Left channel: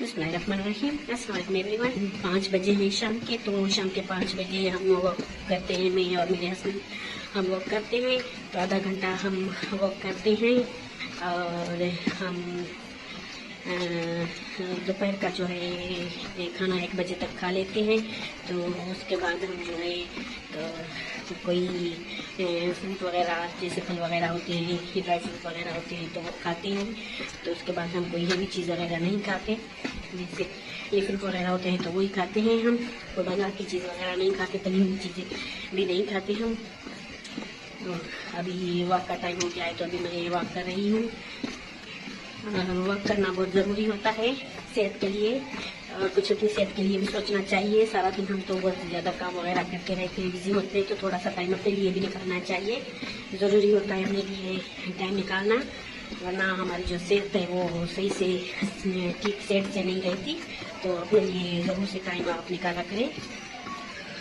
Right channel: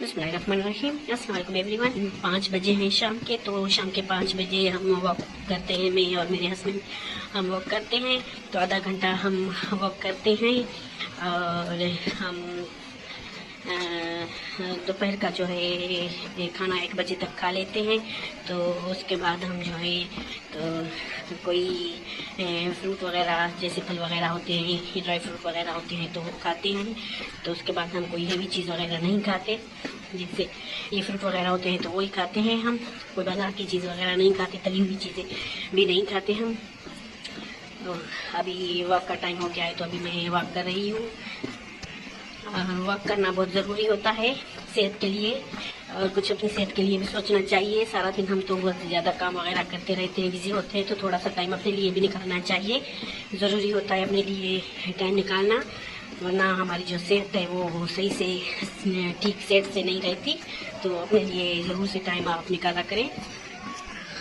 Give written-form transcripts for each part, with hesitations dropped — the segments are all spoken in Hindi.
बिस्मिल्लाहिर्रहमानिर्रहीम। अस्सलाम वालेकुम एवरीवन। 5 बजे हैं शाम के, तो शाम के 5 बजे हम वॉक करते हैं। मैं और मेरे हस्बैंड हम वॉक करते हैं, तो आधा घंटा हम वॉक करते हैं और हम दोपहर का जो है खाना 1 बजे तक खा लेते हैं। तो उसके बाद हम जो है तो कोई फ्रूट वगैरह जैसे फल वगैरह होते हैं, ड्राई फ्रूट वगैरह होते हैं तो वो खाते हैं। तो उसके बाद हम कोई हेवी चीज़ वगैरह नहीं खाते, जैसे ये फ्रूट वगैरह होते हैं तो वही खाते हैं हम। कोई बाजार की चीज़ वगैरह नहीं खाते, तली हुई चीज़ें भी नहीं खाते हम। तो अभी वॉक का टाइम हो गया है, तो अभी मैं वॉक कर रही हूँ। वॉक करना बहुत ज़रूरी होता है सेहत के लिए, और कुछ अपनी सेहत के लिए भी सोचना चाहिए। सारा दिन हम तो बहुत ज़्यादा काम वगैरह करते रहते हैं, बिजी होते हैं, तो थोड़ा सा टाइम अपने लिए भी निकालना चाहिए। ज़रूरी होता है अपने लिए टाइम निकालना, वरना हमारी जो सेहत है वो सही से ठीक सेहत से नहीं रहती। तो अपने लिए ज़रूर से टाइम आप निकाला करें।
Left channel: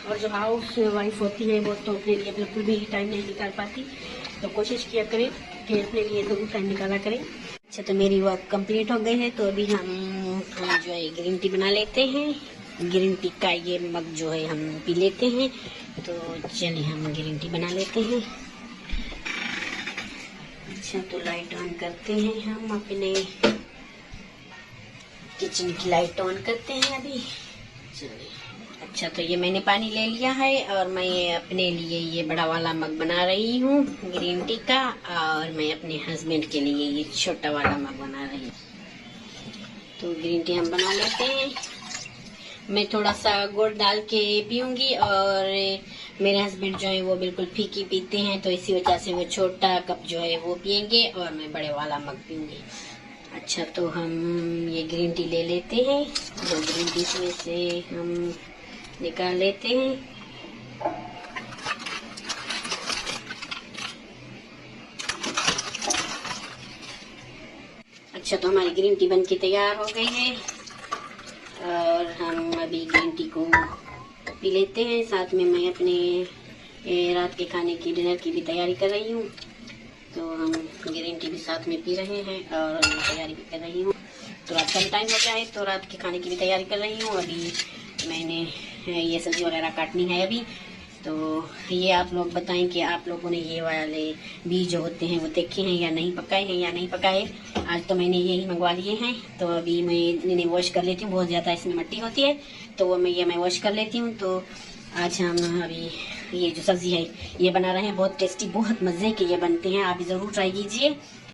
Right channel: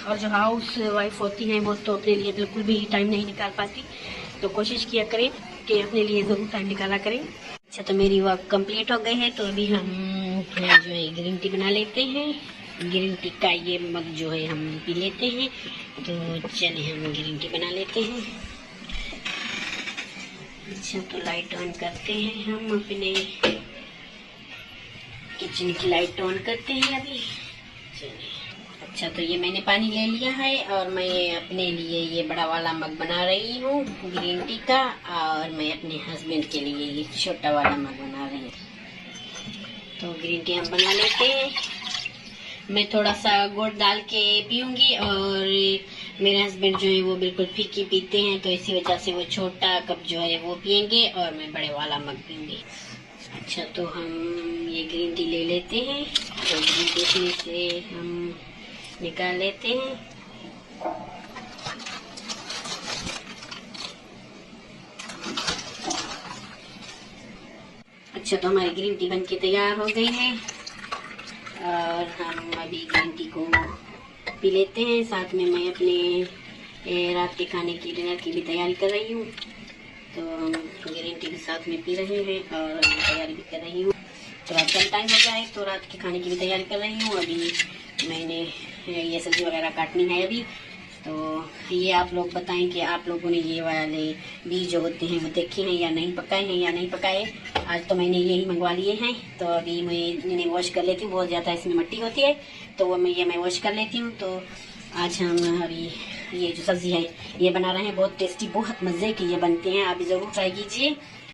और जो हाउस वाइफ होती हैं वो तो अपने लिए बिल्कुल भी टाइम नहीं निकाल पाती, तो कोशिश किया करें कि अपने लिए ज़रूर टाइम निकाला करें। अच्छा, तो मेरी वर्क कंप्लीट हो गई है, तो अभी हम जो है ग्रीन टी बना लेते हैं। ग्रीन टी का ये मग जो है हम पी लेते हैं। तो चलिए हम ग्रीन टी बना लेते हैं। अच्छा, तो लाइट ऑन करते हैं, हम अपने किचन की लाइट ऑन करते हैं अभी। चलिए, अच्छा, तो ये मैंने पानी ले लिया है और मैं ये अपने लिए ये बड़ा वाला मग बना रही हूँ ग्रीन टी का, और मैं अपने हस्बैंड के लिए ये छोटा वाला मग बना रही हूँ। तो ग्रीन टी हम बना लेते हैं। मैं थोड़ा सा गुड़ डाल के पीऊँगी, और मेरे हस्बैंड जो है वो बिल्कुल फीकी पीते हैं, तो इसी वजह से वो छोटा कप जो है वो पियेंगे और मैं बड़े वाला मग पीऊँगी। अच्छा, तो हम ये ग्रीन टी ले लेते हैं, जो ग्रीन टी से हम निकाल लेते हैं। अच्छा, तो हमारी ग्रीन टी बनके तैयार हो गई है, और हम अभी ग्रीन टी को पी लेते हैं। साथ में मैं अपने रात के खाने की डिनर की भी तैयारी कर रही हूँ। तो हम ग्रीन टी भी साथ में पी रहे हैं और मैं तैयारी भी कर रही हूँ। तो रात का टाइम हो जाए तो रात के खाने की भी तैयारी कर रही हूँ। अभी मैंने ये सब्ज़ी वगैरह काटनी है अभी। तो ये आप लोग बताएं कि आप लोगों ने ये वाले बीज जो होते हैं वो देखे हैं या नहीं, पकाए हैं या नहीं पकाए। आज तो मैंने यही मंगवा लिए हैं, तो अभी मैं इन्हें वॉश कर लेती हूँ। बहुत ज़्यादा इसमें मिट्टी होती है, तो वो मैं वॉश कर लेती हूँ। तो आज हम अभी ये जो सब्ज़ी है ये बना रहे हैं। बहुत टेस्टी, बहुत मज़े के ये बनते हैं, आप ज़रूर ट्राई कीजिए।